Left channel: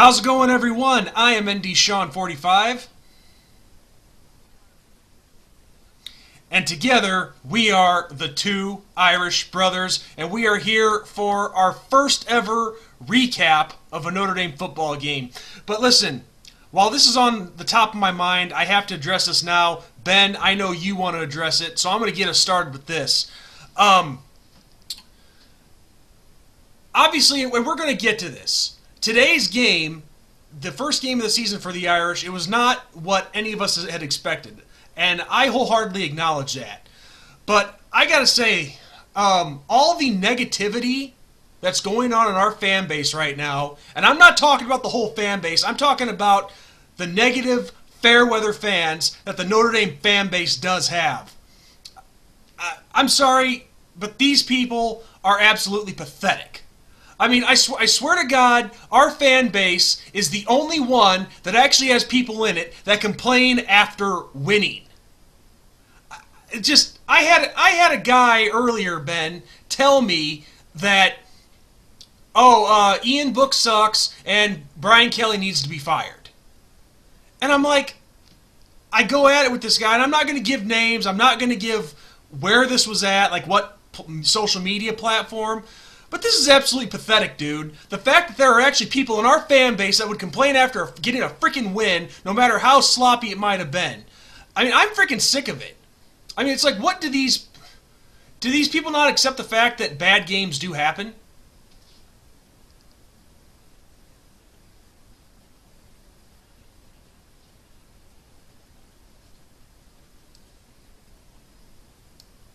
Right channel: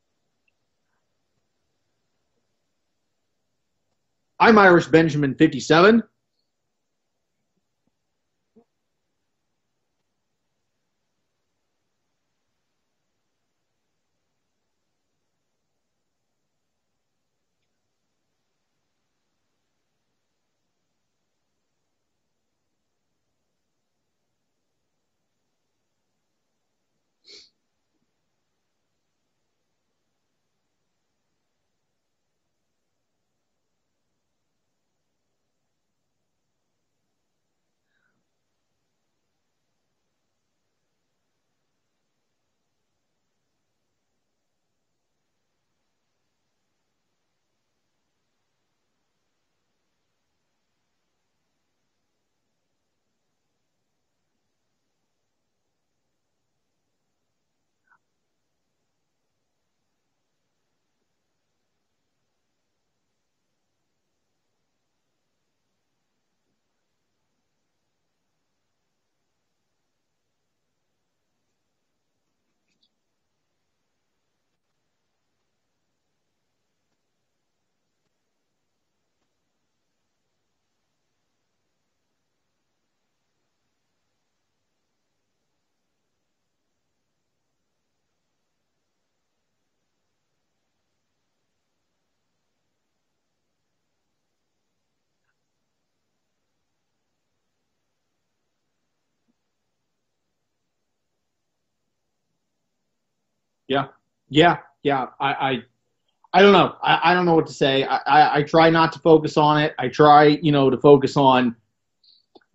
How's it going, everyone? I am ND Sean 45, I'm Irish Benjamin 57. and together we are the two Irish brothers, and we are here for our first ever recap of a Notre Dame football game. But listen, while this is on the top of my mind, I have to address this now. Ben, I know you want to address it, so I'm going to get us started with this. Um, Obviously, and we're going to get to this. Today's game, the first game of the season for the Irish, it was not what any of us had expected. And I wholeheartedly acknowledge that. But I got to say, all the negativity that's going on in our fan base right now, and I'm not talking about the whole fan base, I'm talking about the negative fair weather fans that the Notre Dame fan base does have. I'm sorry, but these people are absolutely pathetic. I mean, I swear to God, our fan base is the only one that actually has people in it that complain after winning. I had a guy earlier, Ben, tell me that, Ian Book sucks and Brian Kelly needs to be fired. And I'm like, I go at it with this guy, and I'm not going to give names, I'm not going to give where this was at, like what social media platform. But this is absolutely pathetic, dude. The fact that there are actually people in our fan base that would complain after getting a freaking win, no matter how sloppy it might have been. I mean, I'm freaking sick of it. I mean, it's like, what do these people not accept the fact that bad games do happen? Yeah, yeah. I don't know. I don't know what to say. I try not to focus on it. I try, to focus on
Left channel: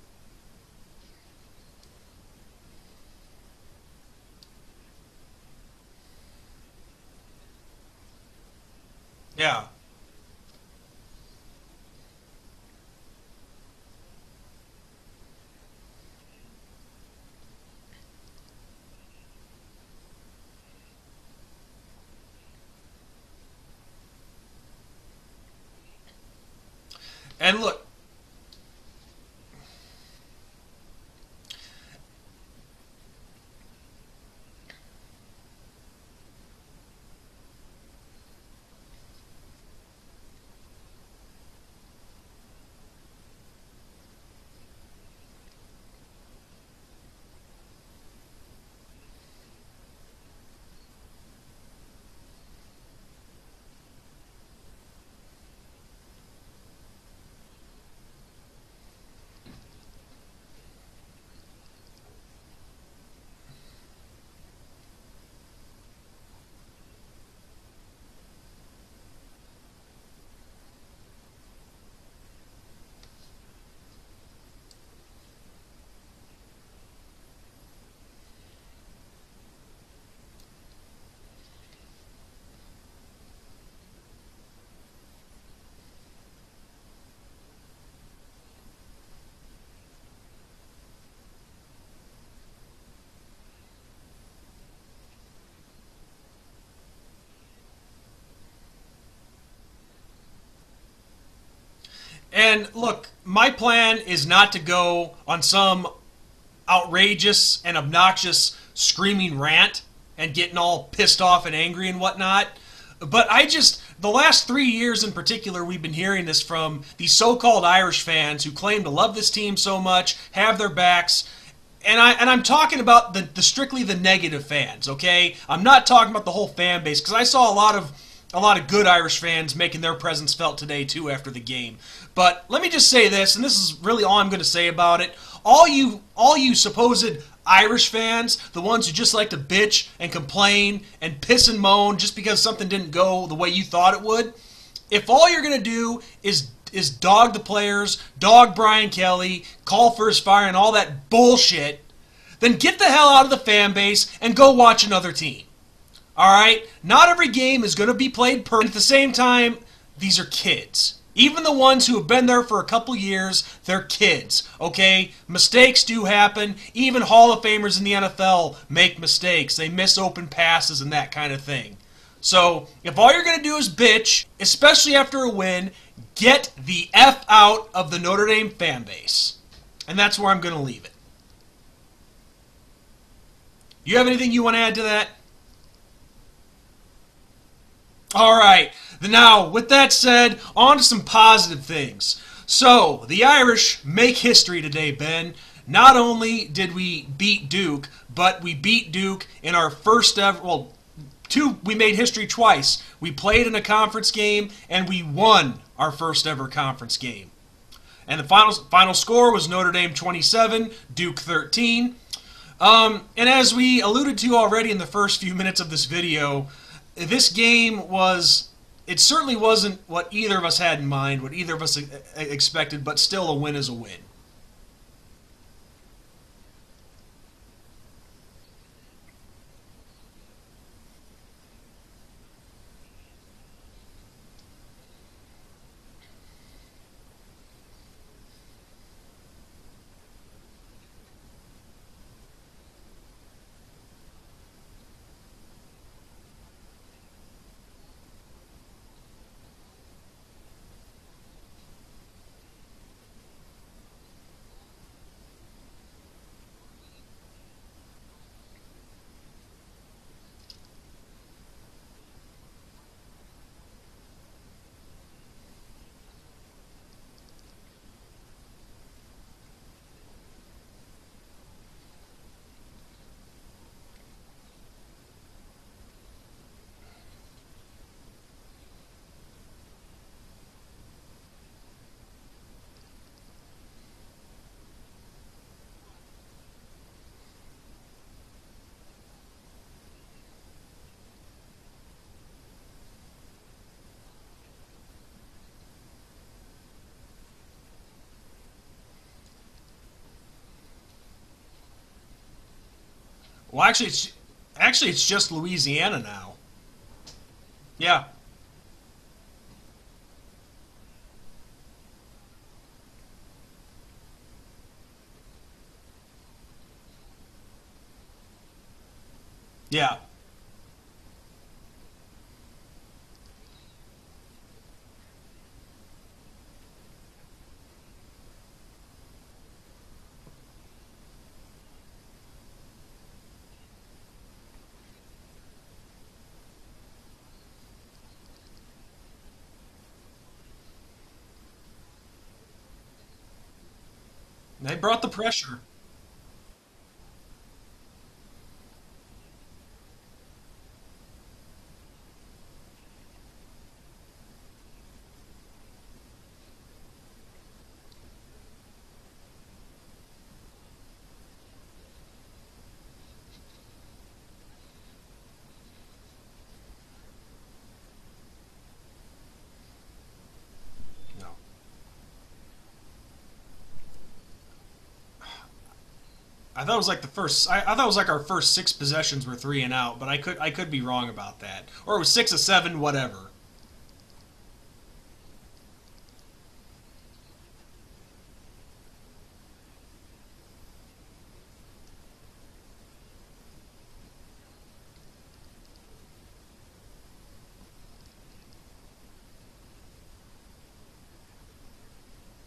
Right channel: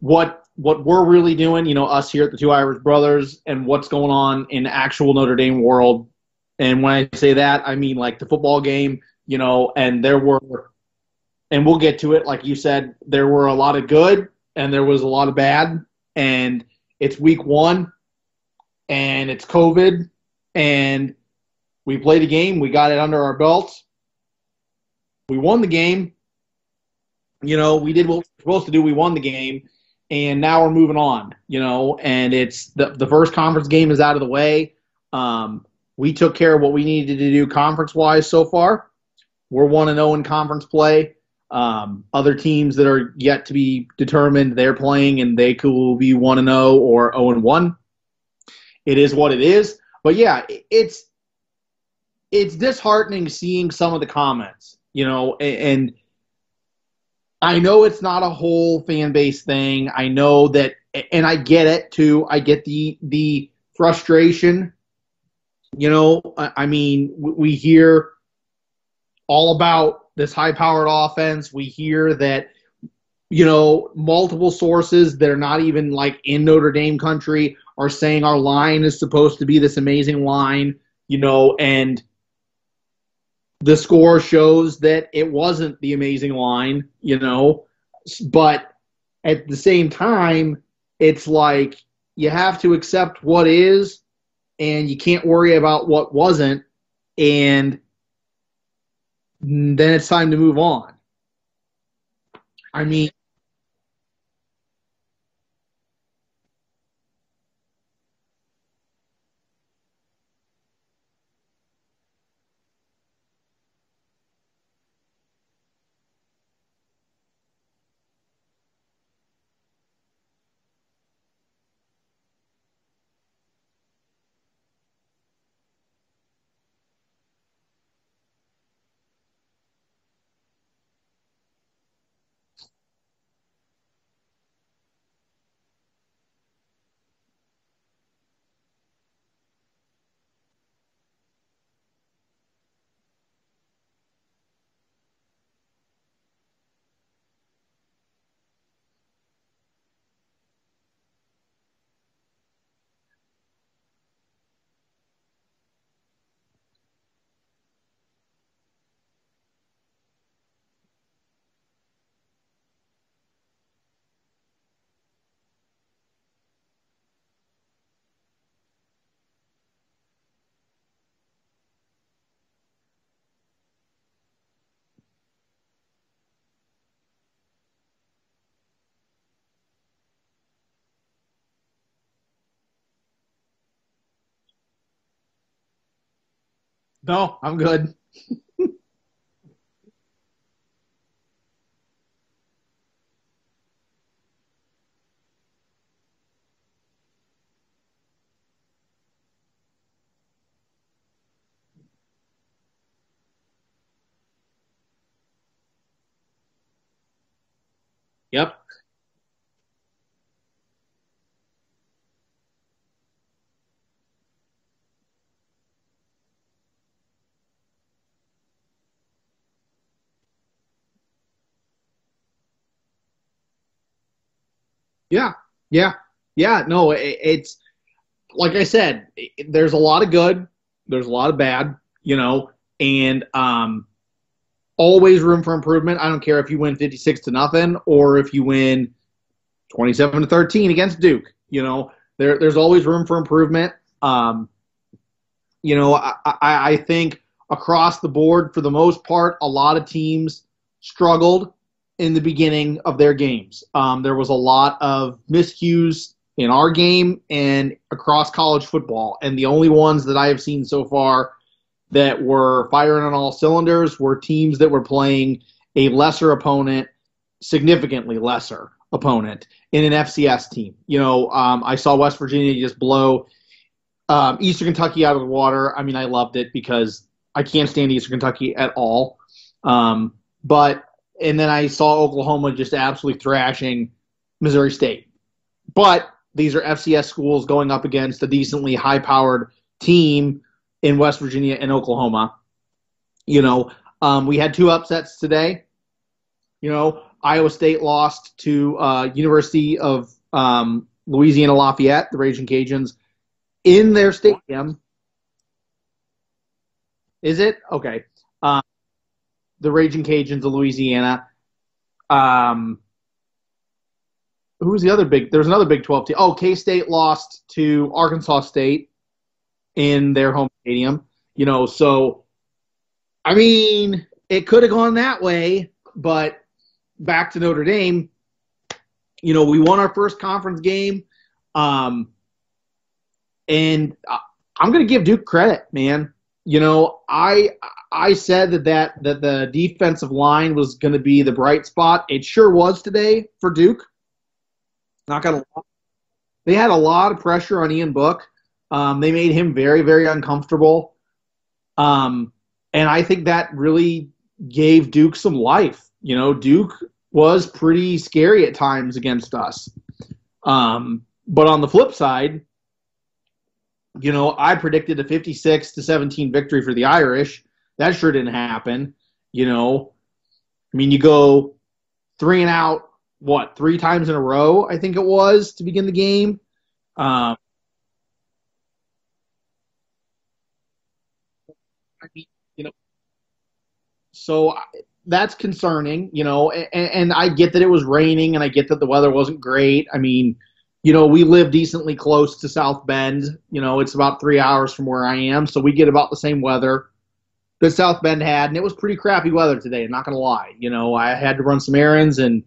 what we're really doing, us here at the Two Irish Brothers, and what's going on in the actual Notre Dame world. And when I say that, I mean like the football game, Yeah. and and we'll get to it. Like you said, there were a lot of good and there was a lot of bad. And it's week one and it's COVID and we played a game. We got it under our belts. We won the game. And look, We did what we were supposed to do. We won the game. And now we're moving on, and it's the first conference game is out of the way. We took care of what we needed to do conference-wise so far. We're 1-0 in conference play. Other teams that are yet to be determined, they're playing, and they could be 1-0 or 0-1. It is what it is. But, yeah, it's disheartening seeing some of the comments, and I know it's not a whole fan base thing. I know that, and I get it too. I get the frustration. I mean, we hear all about this high-powered offense. We hear that, multiple sources that are not even like in Notre Dame country are saying our line is supposed to be this amazing line, and the score shows that it wasn't the amazing line, but at the same time, it's like you have to accept what is and you can't worry about what wasn't, and then it's time to move on. and I look, mean, my plan is not to go on some outrageous and obnoxious screaming rant and getting all pissed off and angry and whatnot. But the last 3 years in particular, we've been hearing this from these so-called Irish fans who claim to love this team so much, have their backs. And I'm talking about the strictly the negative fans, okay? I'm not talking about the whole fan base, because I saw a lot of good Irish fans making their presence felt today too after the game. But let me just say this, and this is really all I'm going to say about it. All you supposed Irish fans, the ones who just like to bitch and complain and piss and moan just because something didn't go the way you thought it would, if all you're going to do is dog the players, dog Brian Kelly, call for his fire and all that bullshit, then get the hell out of the fan base and go watch another team. All right? Not every game is going to be played perfect. At the same time, these are kids. Even the ones who have been there for a couple years, they're kids, okay? Mistakes do happen. Even Hall of Famers in the NFL make mistakes. They miss open passes and that kind of thing. So, if all you're going to do is bitch, especially after a win, get the F out of the Notre Dame fan base. And that's where I'm going to leave it. You have anything you want to add to that? No, I'm good. All right. Now, with that said, on to some positive things. So, the Irish make history today, Ben. Not only did we beat Duke, but we beat Duke in our first ever, well, we made history twice. We played in a conference game, and we won our first ever conference game. And the final score was Notre Dame 27, Duke 13. And as we alluded to already in the first few minutes of this video, this game it certainly wasn't what either of us had in mind, what either of us expected, but still a win is a win. Yeah, yeah, yeah. No, it's like I said, there's a lot of good, there's a lot of bad, and always room for improvement. I don't care if you win 56-0 or if you win 27-13 against Duke. There's always room for improvement. I think across the board, for the most part, a lot of teams struggled in the beginning of their games. There was a lot of miscues in our game and across college football, and the only ones that I have seen so far that were firing on all cylinders were teams that were playing a lesser opponent, significantly lesser opponent, in an FCS team. I saw West Virginia just blow Eastern Kentucky out of the water. I mean, I loved it because I can't stand Eastern Kentucky at all. And then I saw Oklahoma just absolutely thrashing Missouri State. But these are FCS schools going up against a decently high-powered team in West Virginia and Oklahoma. We had two upsets today. Iowa State lost to University of Louisiana Lafayette, the Raging Cajuns, in their stadium. Actually, it's just Louisiana now. Is it? Okay. Yeah. The Raging Cajuns of Louisiana. Who was the other big? There was another Big 12 team. Oh, K-State lost to Arkansas State in their home stadium. So, I mean, it could have gone that way, but back to Notre Dame, we won our first conference game. And I'm going to give Duke credit, man. I said that the defensive line was going to be the bright spot. It sure was today for Duke. They brought the pressure. They had a lot of pressure on Ian Book. They made him very, very uncomfortable. And I think that really gave Duke some life. Duke was pretty scary at times against us. But on the flip side, I predicted a 56-17 victory for the Irish. That sure didn't happen. You go 3-and-out, three times in a row, I think it was, to begin the game. I thought it was like our first 6 possessions were 3-and-out, but I could be wrong about that. Or it was 6 of 7, whatever. So that's concerning, and I get that it was raining and I get that the weather wasn't great. I mean, we live decently close to South Bend. It's about 3 hours from where I am, so we get about the same weather that South Bend had, and it was pretty crappy weather today, I'm not going to lie. I had to run some errands, and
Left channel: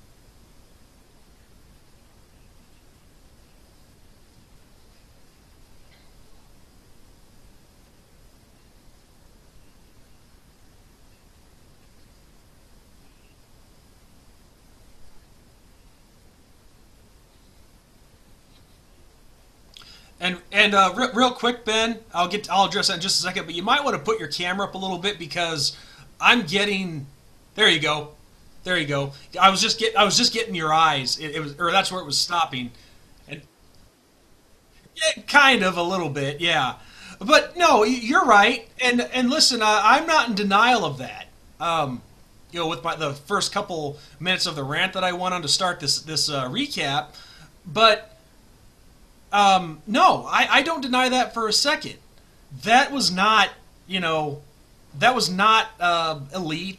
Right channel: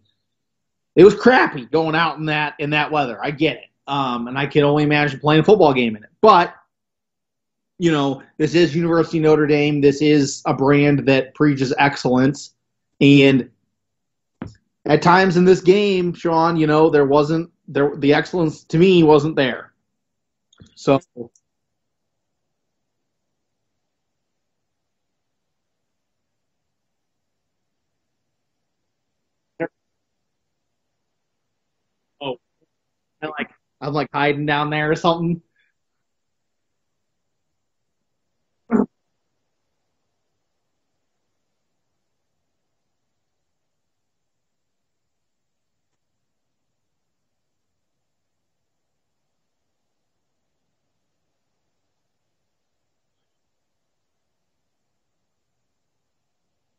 it was crappy going out in that weather. I get it. And I can only imagine playing a football game in it. But, this is University of Notre Dame. This is a brand that preaches excellence. And at times in this game, Sean, the excellence to me wasn't there. And real quick, Ben, I'll address that in just a second, but you might want to put your camera up a little bit because I'm getting. There you go. I was just getting your eyes. That's where it was stopping. I'm like hiding down there or something. Kind of a little bit, yeah. But no, you're right. And listen, I'm not in denial of that. With the first couple minutes of the rant that I went on to start this recap, but no, I don't deny that for a second. That was not elite.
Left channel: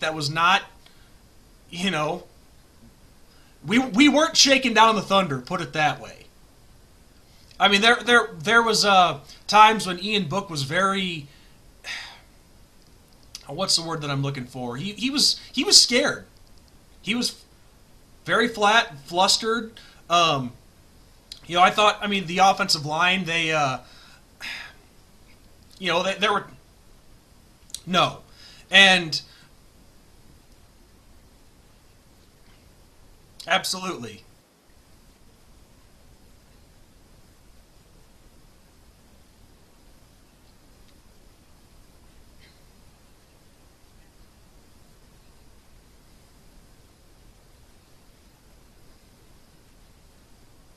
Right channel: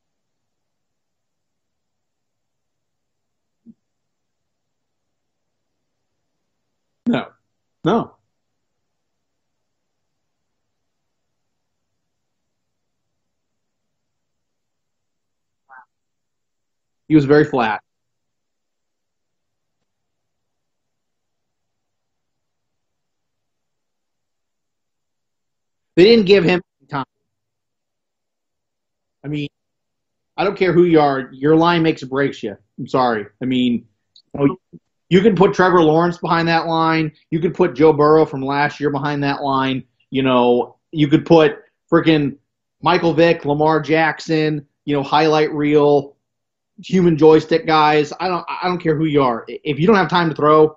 That was not. We weren't shaking down the thunder, put it that way. No. I mean, there was times when Ian Book was very. What's the word that I'm looking for? He was scared. He was very flat. Very flat, flustered. I thought. I mean, the offensive line. They didn't give him time. No. And I mean, I don't care who you are, your line makes or breaks you. I'm sorry. I mean, absolutely. you can put Trevor Lawrence behind that line. You could put Joe Burrow from last year behind that line. You could put freaking Michael Vick, Lamar Jackson, highlight reel, human joystick guys. I don't care who you are. If you don't have time to throw,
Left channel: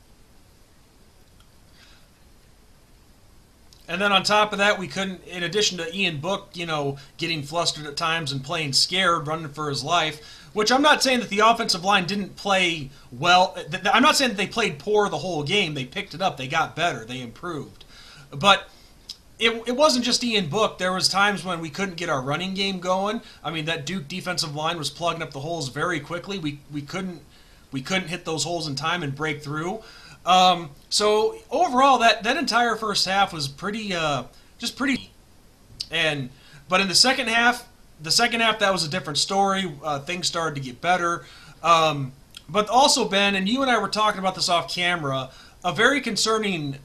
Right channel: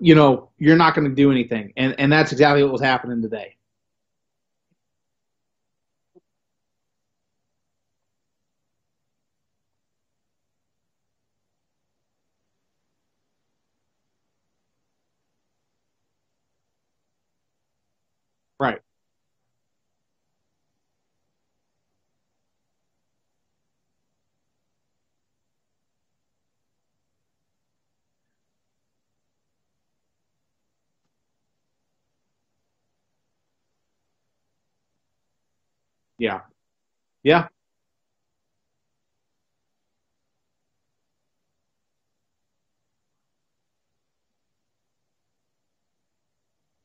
you're not going to do anything. And that's exactly what was happening today. And then on top of that, we couldn't, in addition to Ian Book, getting flustered at times and playing scared, running for his life, which I'm not saying that the offensive line didn't play well. I'm not saying that they played poor the whole game. They picked it up. They got better. They improved. But Right. it wasn't just Ian Book. There was times when we couldn't get our running game going. I mean, that Duke defensive line was plugging up the holes very quickly. We couldn't hit those holes in time and break through. So overall, that entire first half was pretty. And Yeah. but in the second Yeah. half, that was a different story. Things started to get better. But also, Ben, and you and I were talking about this off camera. A very concerning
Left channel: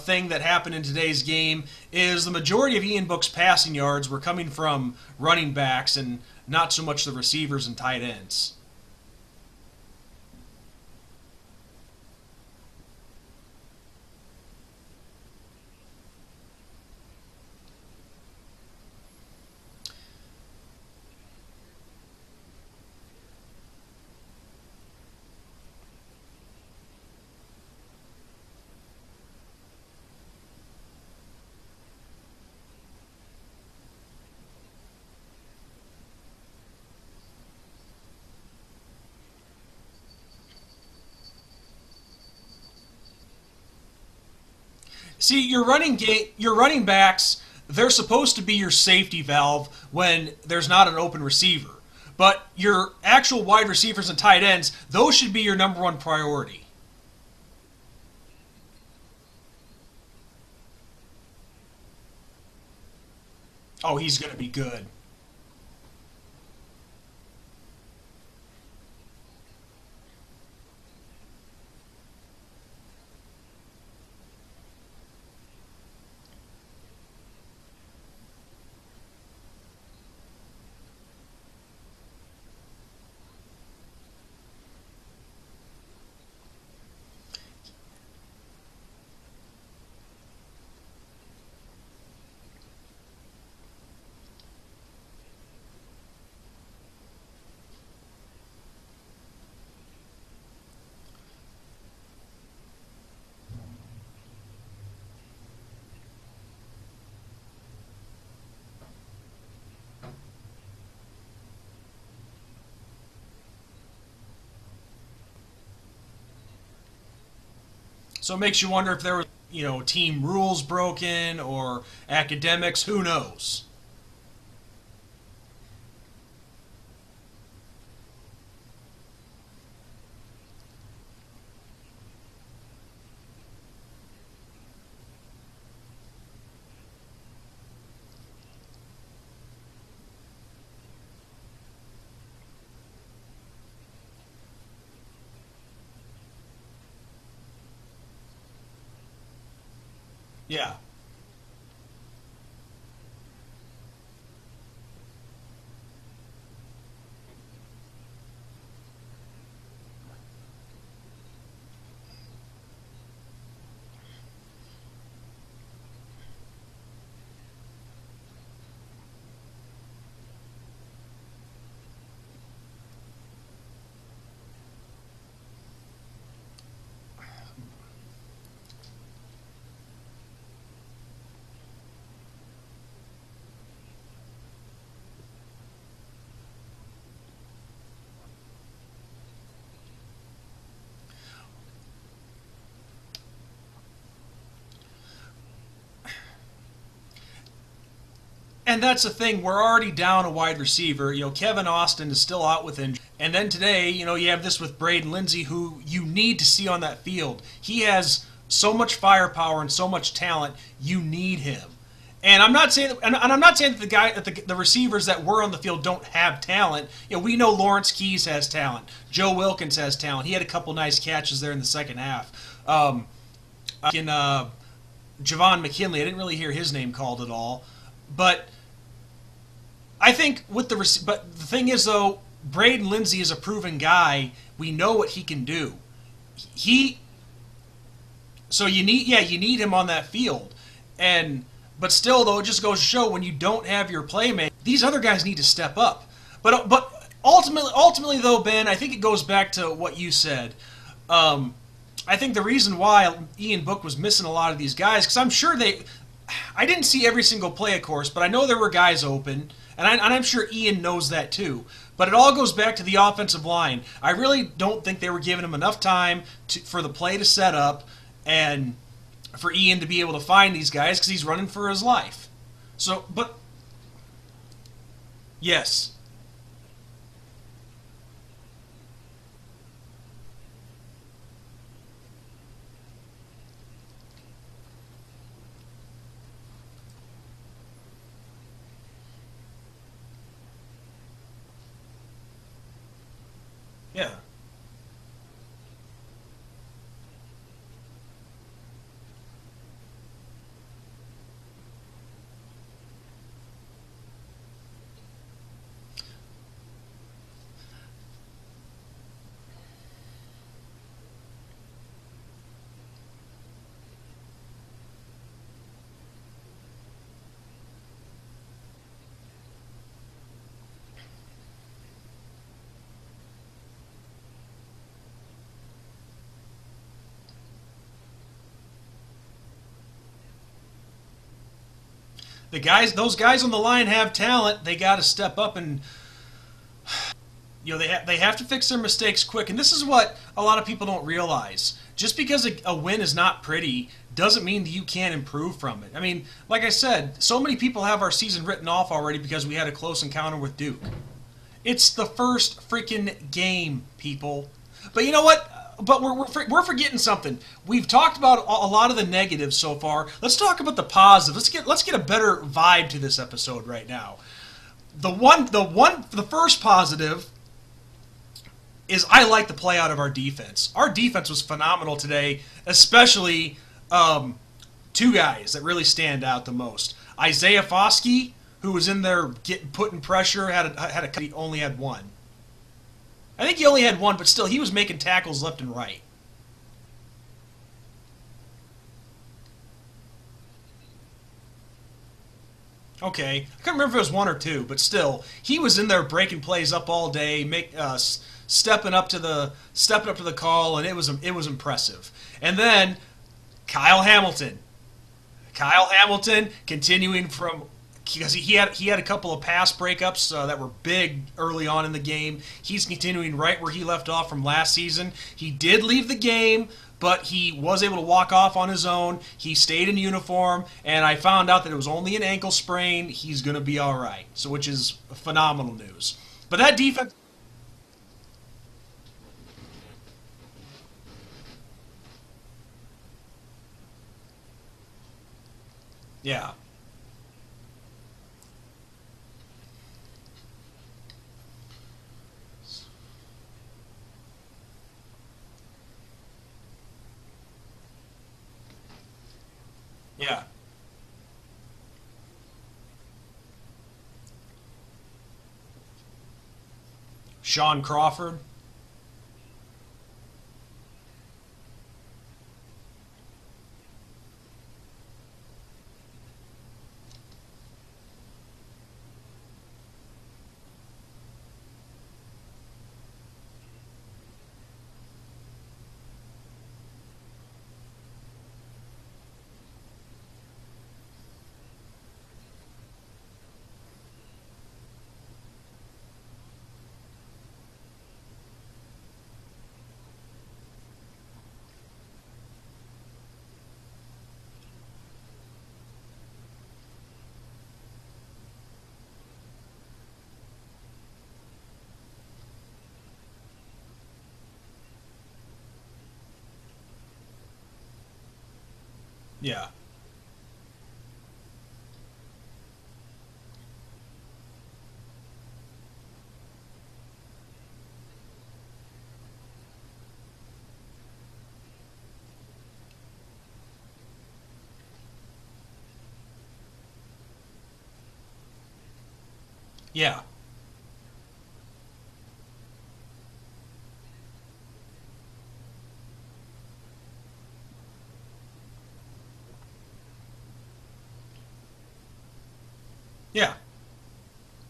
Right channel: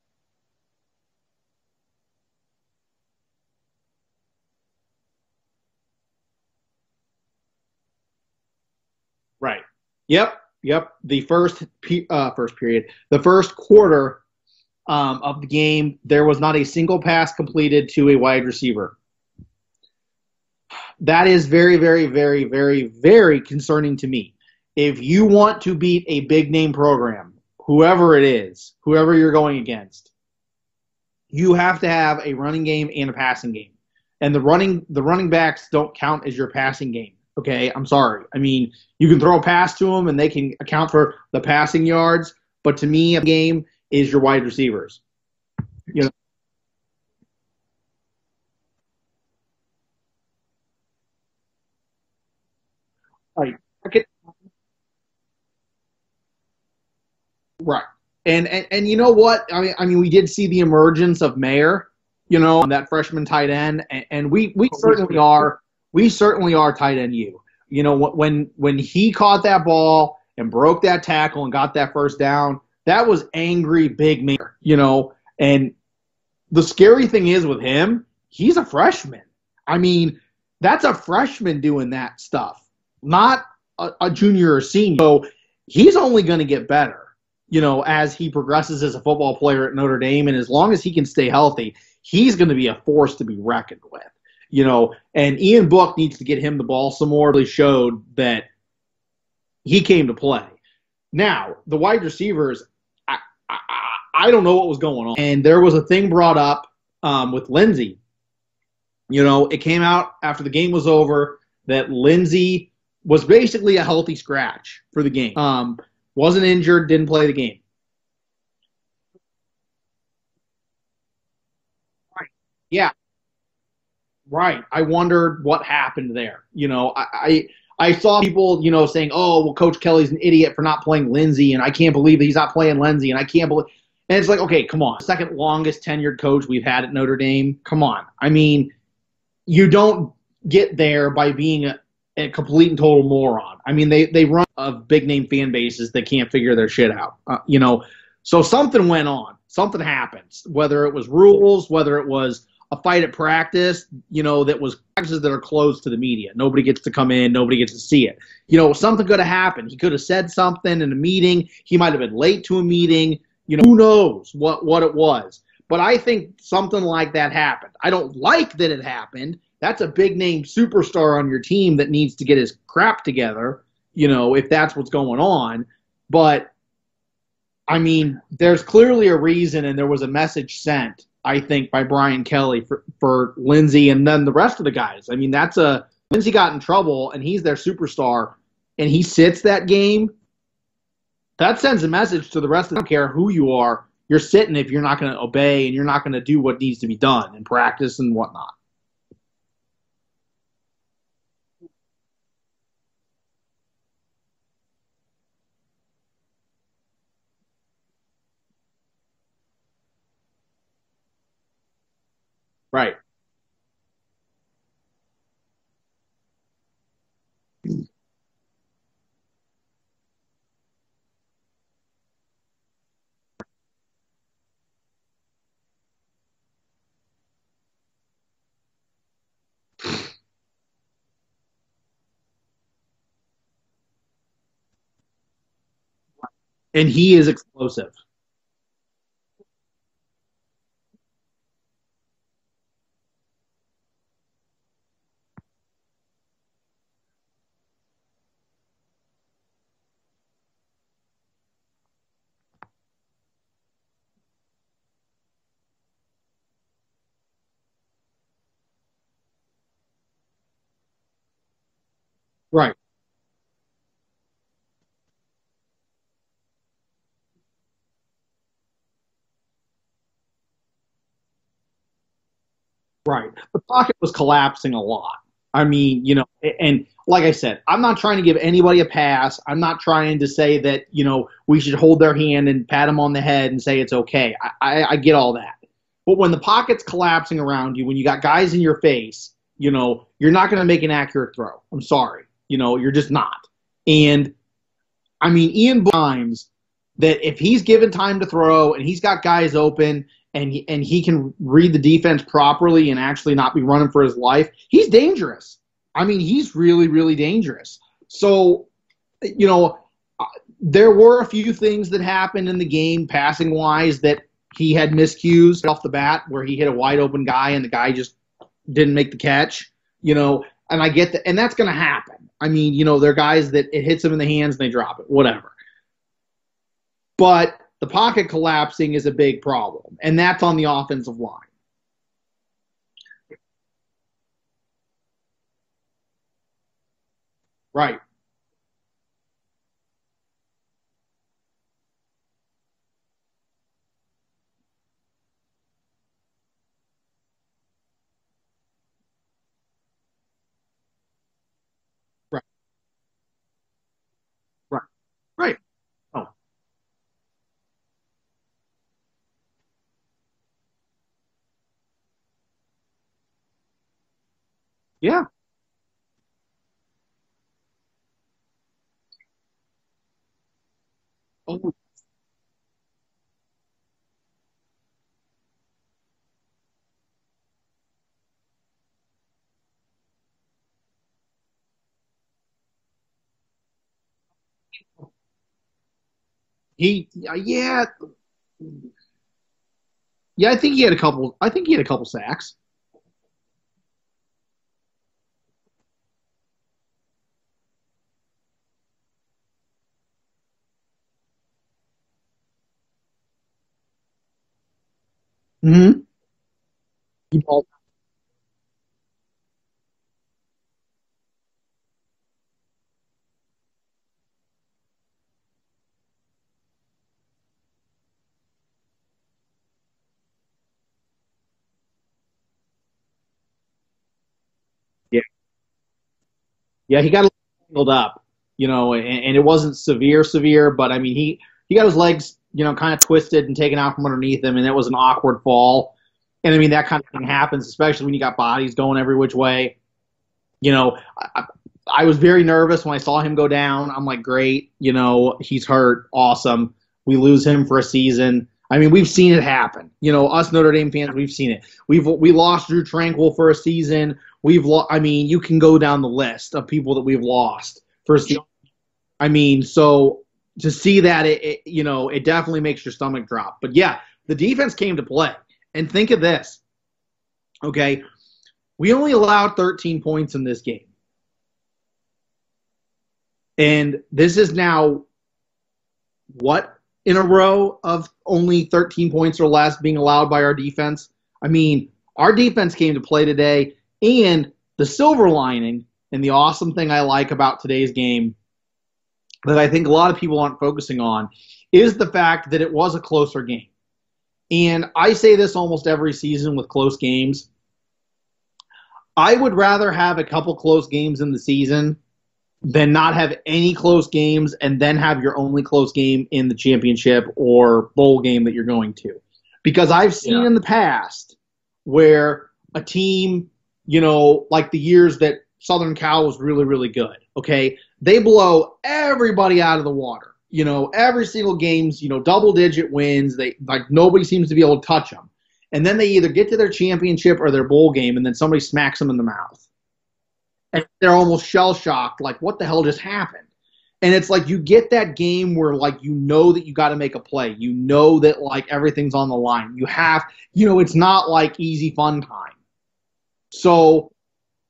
thing that happened in today's game is the majority of Ian Book's passing yards were coming from running backs and not so much the receivers and tight ends. Right. Yep. The first period, the first quarter of the game, there was not a single pass completed to a wide receiver. That is very, very, very, very, very concerning to me. If you want to beat a big name program, whoever it is, whoever you're going against, you have to have a running game and a passing game. And the running backs don't count as your passing game. Okay, I'm sorry. I mean, you can throw a pass to them and they can account for the passing yards, but to me, a game is your wide receivers. See, your running backs, they're supposed to be your safety valve when there's not an open receiver. But your actual Right. wide receivers and tight ends, those should be your number one priority. Right. And you know what? I mean, we did see the emergence of Mayer, that freshman tight end, Oh, he's and gonna we be good. certainly are tight end you. When he caught that ball and broke that tackle and got that first down, that was angry big Mayer, and the scary thing is with him, he's a freshman. I mean, that's a freshman doing that stuff, not a junior or senior. So he's only going to get better, as he progresses as a football player at Notre Dame. And as long as he can stay healthy, he's going to be a force to be reckoned with, And Ian Book needs to get him the ball some more. Really showed that he came to play. Now, the wide receivers, I don't know what was going on. And there was a thing brought up with Lindsey. It came out after the game was over that Lindsey was basically a healthy scratch for the game. Wasn't injured, didn't play the game. So it makes you wonder if there were, team rules broken or academics. Yeah. Who knows? Right. I wondered what happened there. I saw people, saying, oh, well, Coach Kelly's an idiot for not playing Lindsey, and I can't believe that he's not playing Lindsey, and I can't believe. And it's like, okay, come on. Second longest tenured coach we've had at Notre Dame. Come on. I mean, you don't get there by being a complete and total moron. I mean, they run of big name fan bases that can't figure their shit out. So something went on. Something happened. Yeah. Whether it was rules, whether it was a fight at practice, that was practices that are closed to the media. Nobody gets to come in. Nobody gets to see it. Something could have happened. He could have said something in a meeting. He might have been late to a meeting. Who knows what it was. But I think something like that happened. I don't like that it happened. That's a big name superstar on your team that needs to get his crap together, if that's what's going on. But, I mean, there's clearly a reason, and there was a message sent, I think, by Brian Kelly for Lindsey and then the rest of the guys. I mean, Lindsey got in trouble, and he's their superstar, and he sits that game. That sends a message to the rest of them. I don't care who you are. You're sitting if you're not going to obey and you're not going to do what needs to be done in practice and whatnot. And that's the thing. We're already down a wide receiver. Kevin Austin is still out with injury. And then today, you have this with Braden Lindsey, who you need to see on that field. He has so much firepower and so much talent. You need him. And I'm not saying, Right. and I'm not saying that the receivers that were on the field don't have talent. We know Lawrence Keys has talent. Joe Wilkins has talent. He had a couple nice catches there in the second half. Javon McKinley, I didn't really hear his name called at all. But I think with but the thing is though, Braden Lindsay is a proven guy. We know what he can do. And he is explosive. So you need him on that field. But still though, it just goes to show when you don't have your playmate, these other guys need to step up. But ultimately though, Ben, I think it goes back to what you said. I think the reason why Ian Book was missing a lot of these guys, because I'm sure I didn't see every single play, of course, but I know there were guys open, and I'm sure Ian knows that too. But it all goes back to the offensive line. I really don't think they were giving him enough time for the play to set up and for Ian to be able to find these guys because he's running for his life. So the pocket was collapsing a lot. Yes. I mean, and like I said, I'm not trying to give anybody a pass. I'm not trying to say that, we should hold their hand and pat them on the head and say it's okay. I get all that. But when the pocket's collapsing around you, when you got guys in your face, you're not going to make an accurate throw. I'm sorry. You're just not. And, I mean, Ian times that if he's given time to throw and he's got guys open and he can read the defense properly and actually not be running for his life, he's dangerous. I mean, he's really, really dangerous. So, there were a few things that happened in the game passing-wise that he had miscues off the bat where he hit a wide-open guy and the guy just didn't make the catch, and I get that. And that's going to happen. I mean, there are guys that it hits them in the hands and they drop it, whatever. But the pocket collapsing is a big problem, and that's on the offensive line. Those guys on the line have talent. They got to step up and they have to fix their mistakes quick. And this is what a lot of people don't realize. Just because a win is not pretty doesn't mean that you can't improve from it. I mean, like I said, so many people have our season written off already because we had a close encounter with Duke. It's the first freaking game, people. Right. But you know what? Right. But we're forgetting something. We've talked about a lot of the negatives so far. Let's talk about the positives. Let's get a better vibe to this episode right now. The first positive is I like the play out of our defense. Our defense was phenomenal today, especially two guys that really stand out the most. Isaiah Foskey, who was in there putting pressure, he only had one. I think he only had one, but still, he was making tackles left and right. I think he had a couple sacks. Okay, I can't remember if it was one or two, but still, he was in there breaking plays up all day, stepping up to the call, and it was impressive. And then Kyle Hamilton continuing from. Because he had a couple of pass breakups that were big early on in the game. He's continuing right where he left off from last season. He did leave the game, but he was able to walk off on his own. He stayed in uniform, and I found out that it was only an ankle sprain. He's going to be all right, which is phenomenal news. But that defense... Yeah, he got healed up, and it wasn't severe, but, I mean, he got his legs, kind of twisted and taken out from underneath him, and it was an awkward fall. Yeah. And, I mean, that kind of thing happens, especially when you got bodies going every which way. I was very nervous when I saw him go down. I'm like, great, he's hurt, awesome. We lose him for a season. I mean, we've seen it happen. Us Notre Dame fans, we've seen it. We lost Drew Tranquil for a season. I mean, you can go down the list of people that we've lost. Sean Crawford. I mean, so to see that, it definitely makes your stomach drop. But, yeah, the defense came to play. And think of this, okay? We only allowed 13 points in this game. And this is now, what, in a row of only 13 points or less being allowed by our defense? I mean, our defense came to play today, and the silver lining and the awesome thing I like about today's game that I think a lot of people aren't focusing on is the fact that it was a closer game. And I say this almost every season with close games. I would rather have a couple close games in the season than not have any close games and then have your only close game in the championship or bowl game that you're going to. Yeah. Because I've seen in the past where a team, like the years that Southern Cal was really, really good, okay, they blow everybody out of the water. Every single game's, double-digit wins. Nobody seems to be able to touch them. and then they either get to their championship or their bowl game, and then somebody smacks them in the mouth. Yeah. And they're almost shell-shocked, like, what the hell just happened? And it's like you get that game where, like, you know that you got to make a play. You know that, like, everything's on the line. You have, it's not like easy fun time. Yeah. So,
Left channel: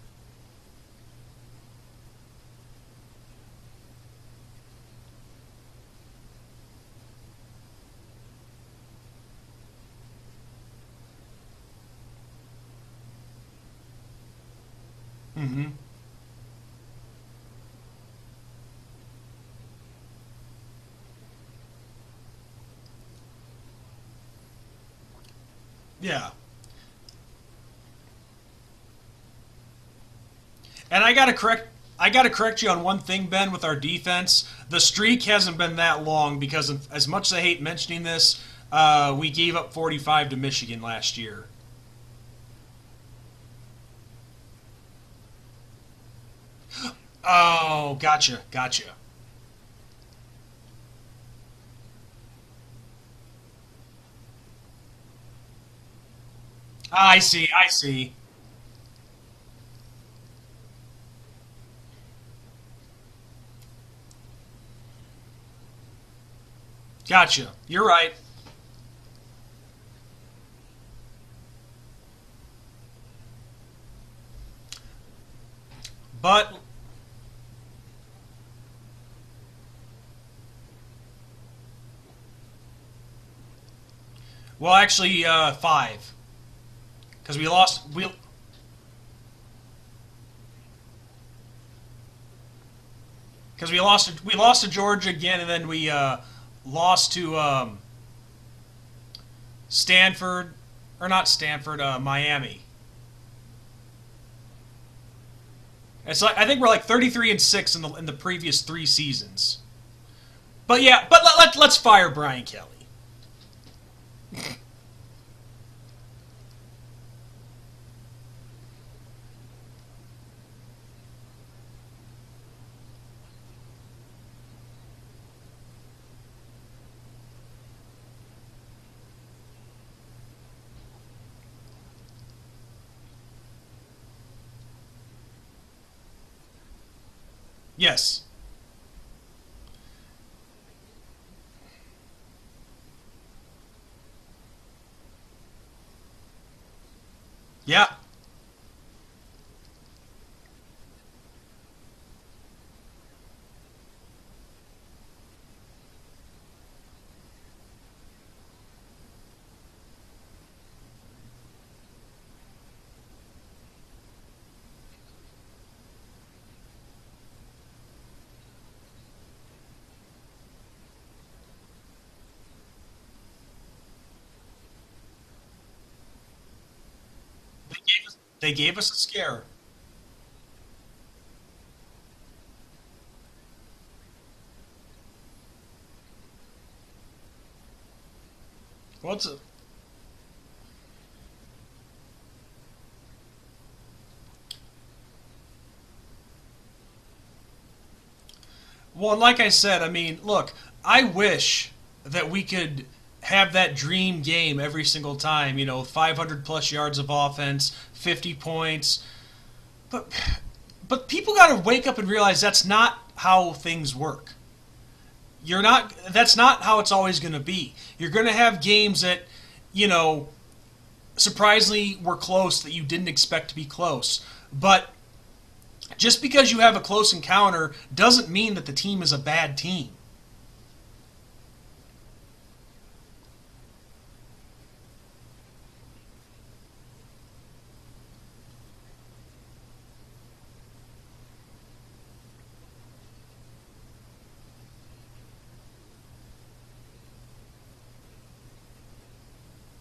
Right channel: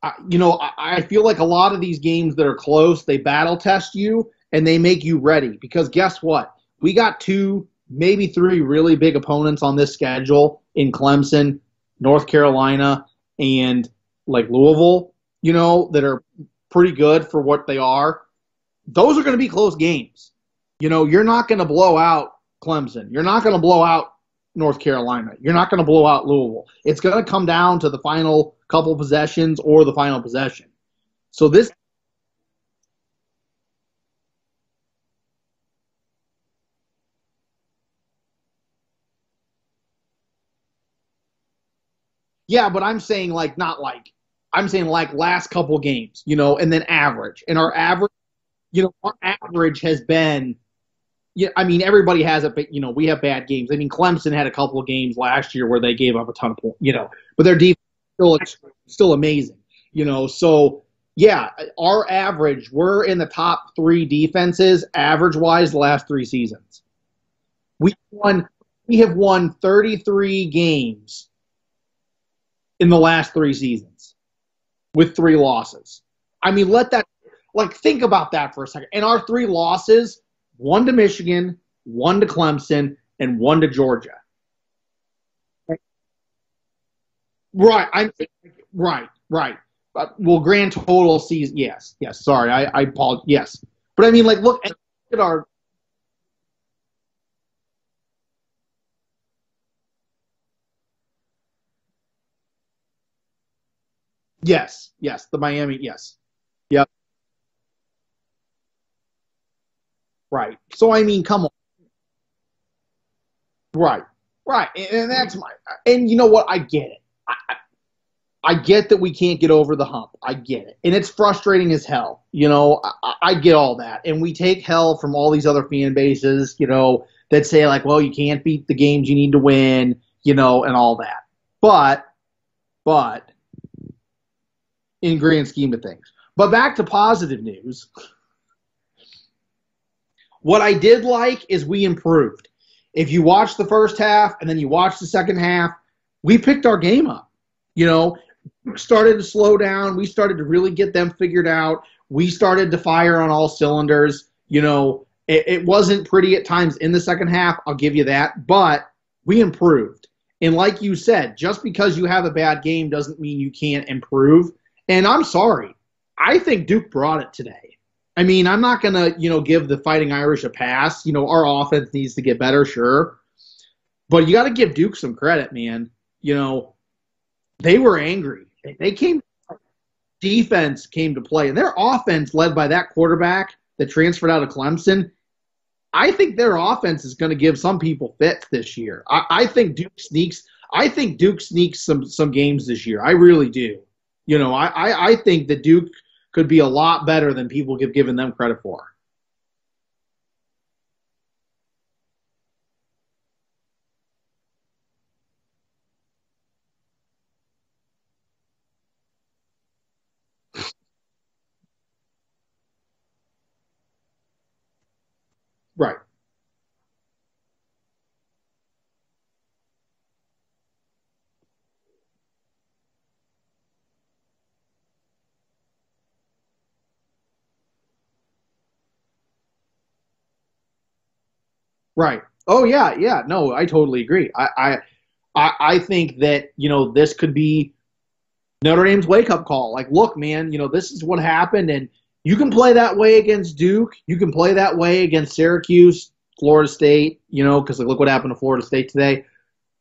I feel like a lot of these games that are close, they battle test you and they make you ready. Because guess what? We got 2, maybe 3 really big opponents on this schedule in Clemson, North Carolina, and, like, Louisville, that are pretty good for what they are. Those are going to be close games. You're not going to blow out Clemson. You're not going to blow out North Carolina. You're not going to blow out Louisville. It's going to come down to the final couple possessions or the final possession. And I got to correct you on one thing, Ben, with our defense. The streak hasn't been that long because as much as I hate mentioning this, we gave up 45 to Michigan last year. Yeah, but I'm saying I'm saying last couple games, and then average. And our average, gotcha. Our average has been, everybody has it, but we have bad games. I mean, Clemson had a couple of games last year where they gave up a ton of points. I see. But their defense is still amazing. So yeah, our average, we're in the top 3 defenses average-wise the last 3 seasons. Gotcha. You're right. We have won 33 games in the last 3 seasons. With 3 losses. But let that, think about that for a second. And our 3 losses, 1 to Michigan, 1 to Clemson, and 1 to Georgia. Well, actually, 5. Because we lost. Right. Grand total season, yes. Sorry, I apologize. Yes. Because we lost. But we lost to Georgia again, and then we lost to Miami. Yes, the Miami, yes. It's I think we're 33-6 in the previous 3 seasons. Right. But let's fire Brian Kelly. Right. And that's and you know what? I get it. I get that we can't get over the hump. I get it. And it's frustrating as hell. I get all that. And we take hell from all these other fan bases, that say well, you can't beat the games you need to win, and all that. But in grand scheme of things. But back to positive news. Yes. What I did like is we improved. If you watch the first half and then you watch the second half, we picked our game up. Yeah. We started to slow down. We started to really get them figured out. We started to fire on all cylinders. It wasn't pretty at times in the second half, I'll give you that, but we improved. And like you said, just because you have a bad game doesn't mean you can't improve. And I'm sorry. I think Duke brought it today. I'm not going to, give the Fighting Irish a pass. Our offense needs to get better, sure. But you got to give Duke some credit, man. They were angry. They gave us a scare. Defense came to play. And their offense, led by that quarterback that transferred out of Clemson, I think their offense is going to give some people fits this year. I think Duke sneaks some games this year. I really do. I think that Duke could be a lot better than people have given them credit for. Well, like I said, look, I wish that we could have that dream game every single time, 500-plus yards of offense, 50 points. But people got to wake up and realize that's not how things work. Right. That's not how it's always going to be. You're going to have games that, surprisingly were close that you didn't expect to be close. But just because you have a close encounter doesn't mean that the team is a bad team. Right. Oh yeah. No, I totally agree. I think that, this could be Notre Dame's wake-up call. Look, man, this is what happened, and you can play that way against Duke. You can play that way against Syracuse, Florida State, because look what happened to Florida State today.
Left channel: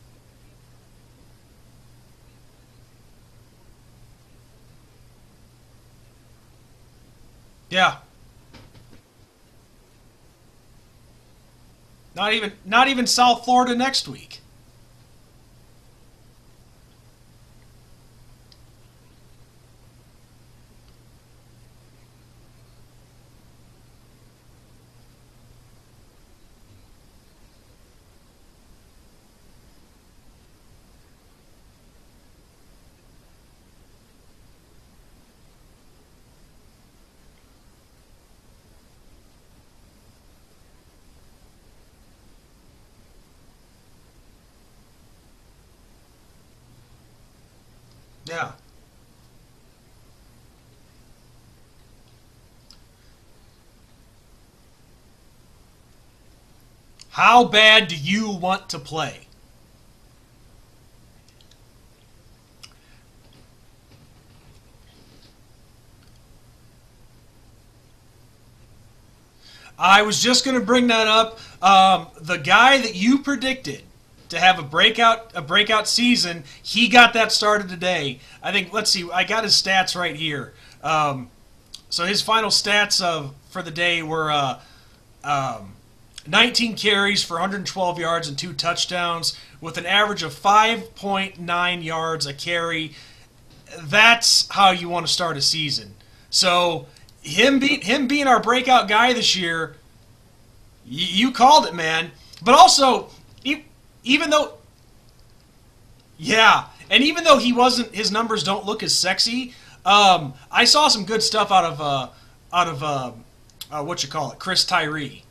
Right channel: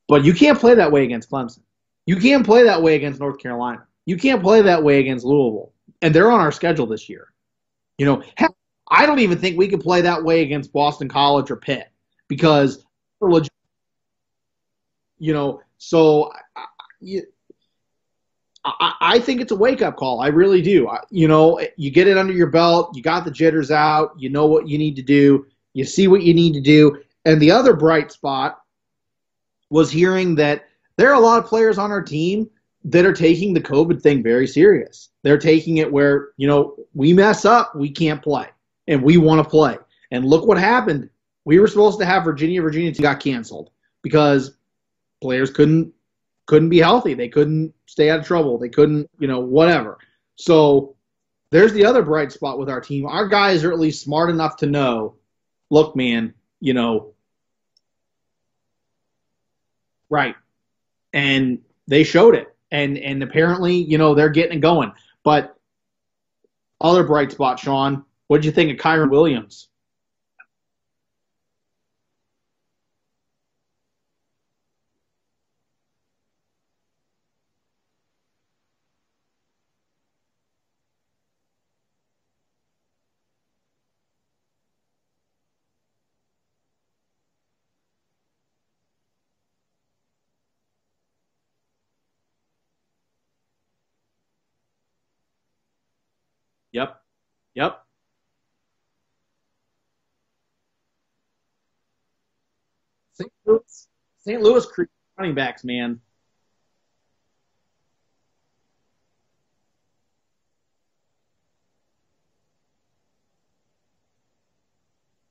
But you can't play that way against Clemson. You can't play that way against North Carolina. You can't play that way against Louisville. And they're on our schedule this year. Yeah. Heck, I don't even think we could play that way against Boston College or Pitt. Not even South Florida next week. So I think it's a wake-up call. I really do. You get it under your belt. You got the jitters out. You know what you need to do. You see what you need to do. And the other bright spot was hearing that there are a lot of players on our team that are taking the COVID thing very serious. They're taking it where, we mess up, we can't play, and we want to play. And look what happened. We were supposed to have Virginia got canceled because players couldn't be healthy. They couldn't stay out of trouble. They couldn't, whatever. So there's the other bright spot with our team. Our guys are at least smart enough to know, look, man, how bad do you want to play? Right. And they showed it. And apparently, they're getting it going. But other bright spot, Sean, what did you think of Kyron Williams? I was just going to bring that up. The guy that you predicted to have a breakout season, he got that started today. I think, let's see, I got his stats right here. So his final stats for the day were 19 carries for 112 yards and 2 touchdowns with an average of 5.9 yards a carry. That's how you want to start a season. So him being our breakout guy this year, you called it, man. But also, even though Louis running backs, man. Yeah, and even though his numbers don't look as sexy, I saw some good stuff out of Chris Tyree.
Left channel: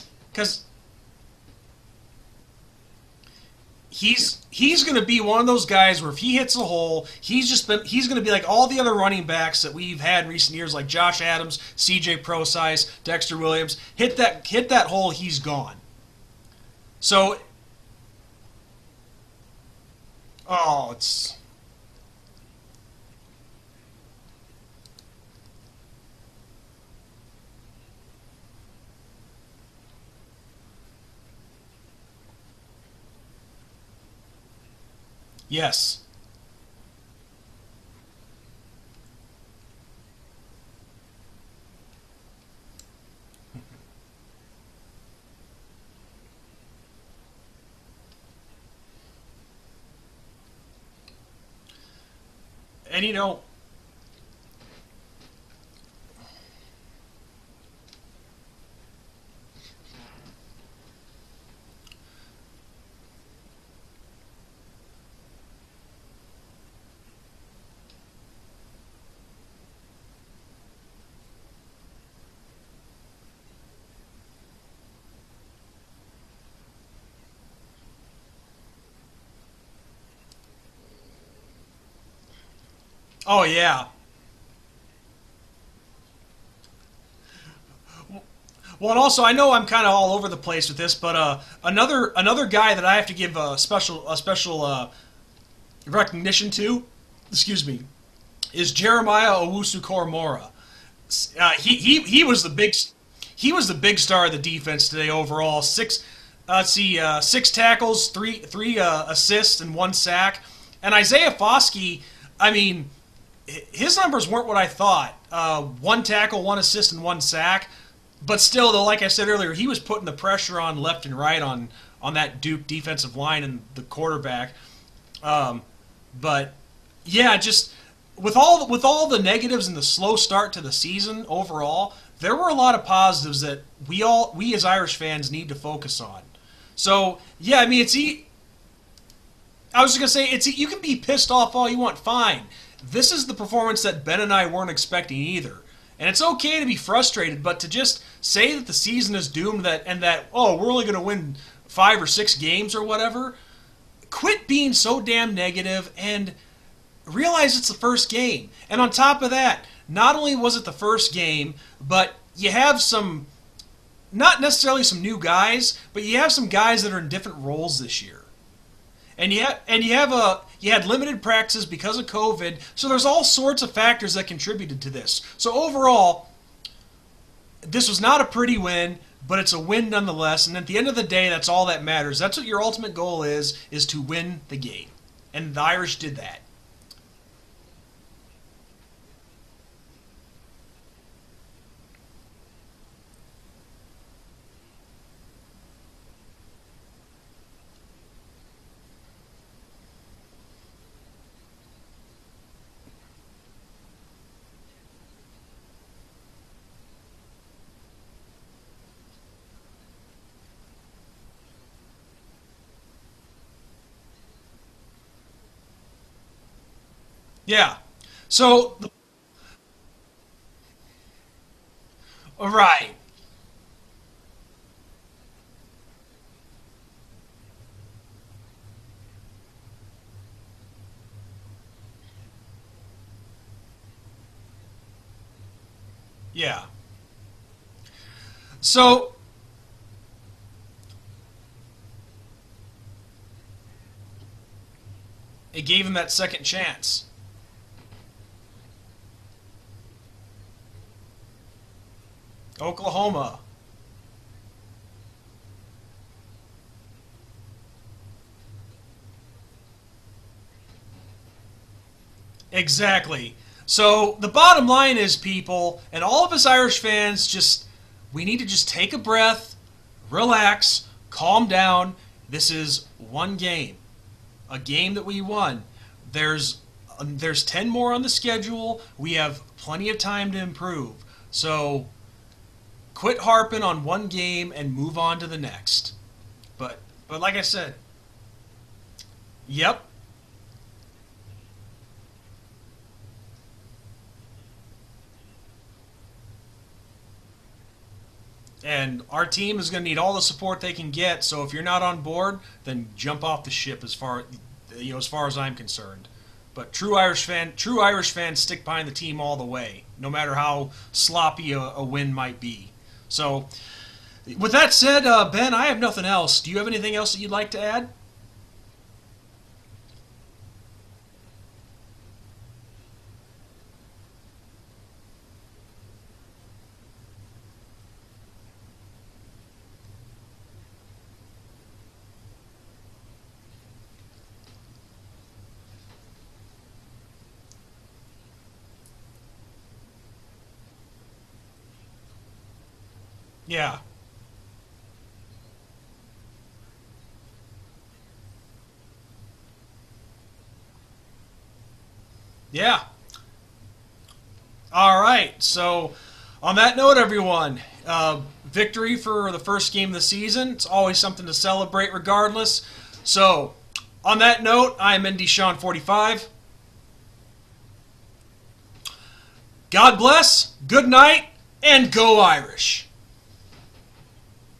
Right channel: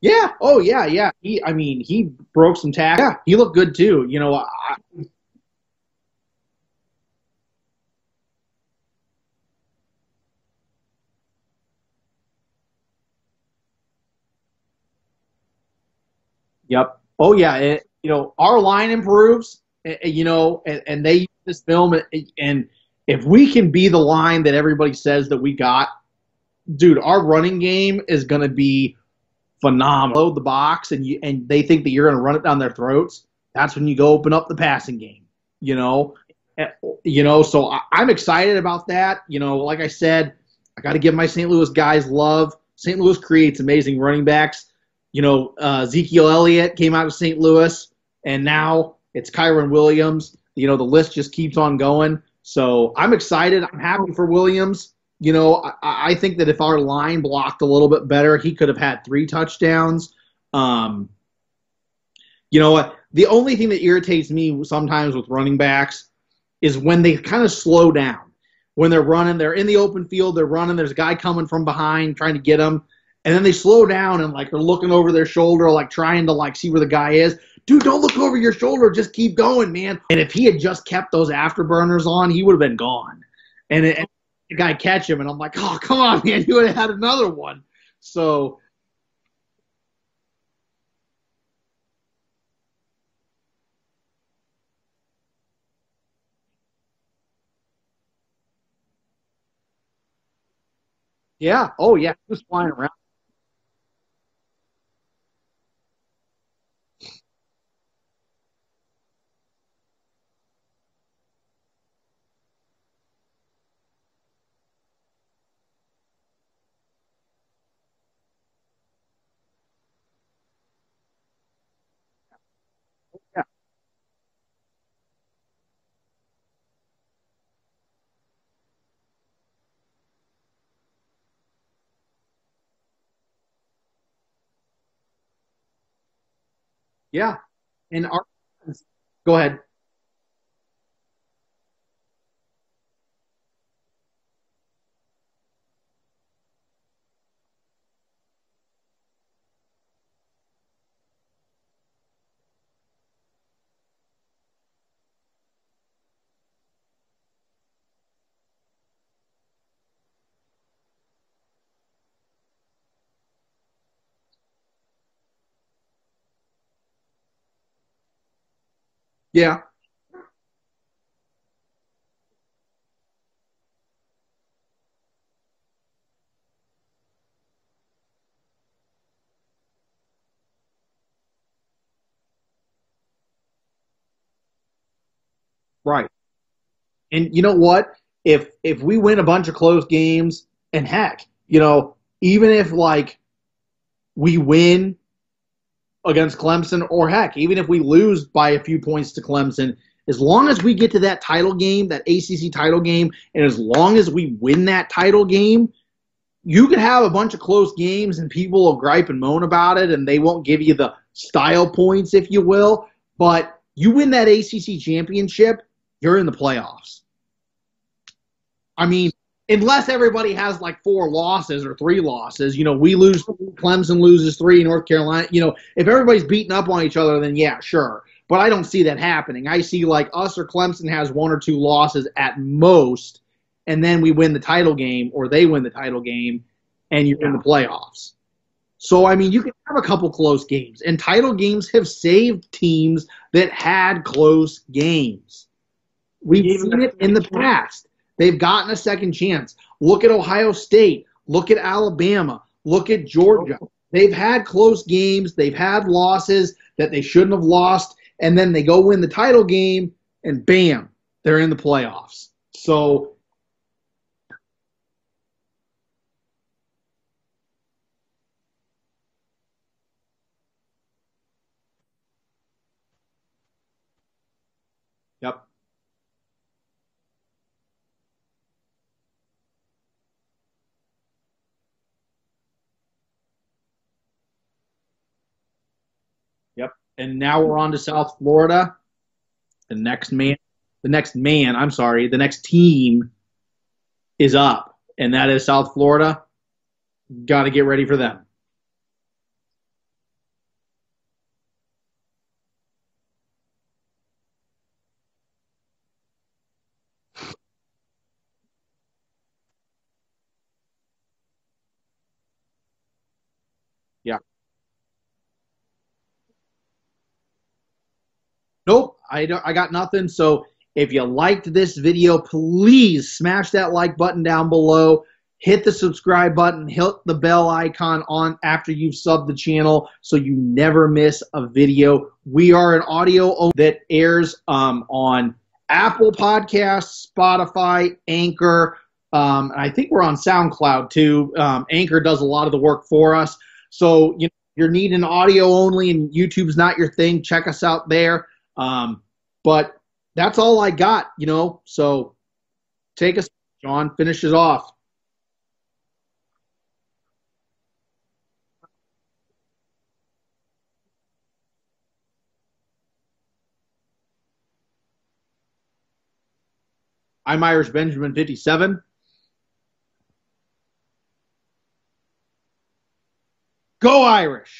Yeah. Oh, yeah. He broke some tackles. Yeah, he looked good too. He's going to be one of those guys where if he hits a hole, he's going to be like all the other running backs that we've had in recent years, like Josh Adams, C.J. Prosise, Dexter Williams. Hit that hole, he's gone. Yep. So, our line improves. And they use this film, and if we can be the line that everybody says that we got, dude, our running game is going to be phenomenal. Load the box, and they think that you're going to run it down their throats. That's when you go open up the passing game. Yes. So I'm excited about that. Like I said, I got to give my St. Louis guys love. St. Louis creates amazing running backs. Ezekiel Elliott came out of St. Louis, and now it's Kyron Williams. The list just keeps on going. So I'm excited. I'm happy for Williams. I think that if our line blocked a little bit better, he could have had 3 touchdowns. The only thing that irritates me sometimes with running backs is when they kind of slow down. When they're running, they're in the open field, they're running, there's a guy coming from behind trying to get them, and then they slow down and, they're looking over their shoulder, trying to, see where the guy is. Dude, don't look over your shoulder. Just keep going, man. And if he had just kept those afterburners on, he would have been gone. Oh, yeah. And the guy catch him, and I'm like, oh, come on, man. You would have had another one. So. Well, and also, I know I'm kind of all over the place with this, but another guy that I have to give a special recognition to, is Jeremiah Owusu-Koramoah. He was the big star of the defense today overall. 6 tackles, three assists, and 1 sack. And Isaiah Foskey, his numbers weren't what I thought. 1 tackle, 1 assist, and 1 sack. But still, though, like I said earlier, he was putting the pressure on left and right on that Duke defensive line and the quarterback. But yeah, just with all the negatives and the slow start to the season overall, there were a lot of positives that we as Irish fans need to focus on. So it's go ahead. I was just gonna say you can be pissed off all you want, fine. This is the performance that Ben and I weren't expecting either. And it's okay to be frustrated, but to just say that the season is doomed we're only going to win 5 or 6 games or whatever, quit being so damn negative and realize it's the first game. And on top of that, not only was it the first game, but you have some, not necessarily some new guys, but you have some guys that are in different roles this year. And you had limited practices because of COVID, so there's all sorts of factors that contributed to this. So overall, this was not a pretty win, but it's a win nonetheless. And at the end of the day, that's all that matters. That's what your ultimate goal is to win the game. And the Irish did that. And you know what? If we win a bunch of close games, and heck, even if we win against Clemson, or heck, even if we lose by a few points to Clemson, as long as we get to that title game, that ACC title game, and as long as we win that title game, you could have a bunch of close games and people will gripe and moan about it and they won't give you the style points, if you will, but You win that ACC championship, you're in the playoffs. Yeah. So I mean, unless everybody has like 4 losses or 3 losses, right. We lose 3, Clemson loses 3, North Carolina. If everybody's beating up on each other, then yeah, sure. But I don't see that happening. I see like us or Clemson has 1 or 2 losses at most, and then we win the title game or they win the title game. Yeah. And you're in the playoffs. So I mean, you can have a couple close games, and title games have saved teams that had close games. It gave them that second chance. We've seen it in the past. They've gotten a second chance. Look at Ohio State. Look at Alabama. Oklahoma. Look at Georgia. They've had close games. They've had losses that they shouldn't have lost, and then they go win the title game, and bam, they're in the playoffs. Exactly. So the bottom line is, people, and all of us Irish fans, we need to just take a breath, relax, calm down. This is one game, a game that we won. There's 10 more on the schedule. We have plenty of time to improve. So quit harping on one game and move on to the next. Yep. But now we're on to South Florida. Yep. The next team is up, and that is South Florida. Got to get ready for them. And our team is going to need all the support they can get. So if you're not on board, then jump off the ship as far as I'm concerned. But true Irish fans stick behind the team all the way, no matter how sloppy a win might be. So, yeah. With that said, Ben, I have nothing else. Do you have anything else that you'd like to add? Nope, I got nothing. So if you liked this video, please smash that like button down below. Hit the subscribe button. Hit the bell icon on after you've subbed the channel so you never miss a video. We are an audio that airs on Apple Podcasts, Spotify, Anchor. I think we're on SoundCloud too. Anchor does a lot of the work for us. Yeah. So you're needing audio only and YouTube's not your thing, check us out there. But that's all I got, So yeah, take us, John. Finish it off. All right. So on that note, everyone, victory for the first game of the season. It's always something to celebrate, regardless. So. On that note, I'm Indy Sean 45. I'm Irish Benjamin 57. God bless, good night, and go Irish. Go Irish.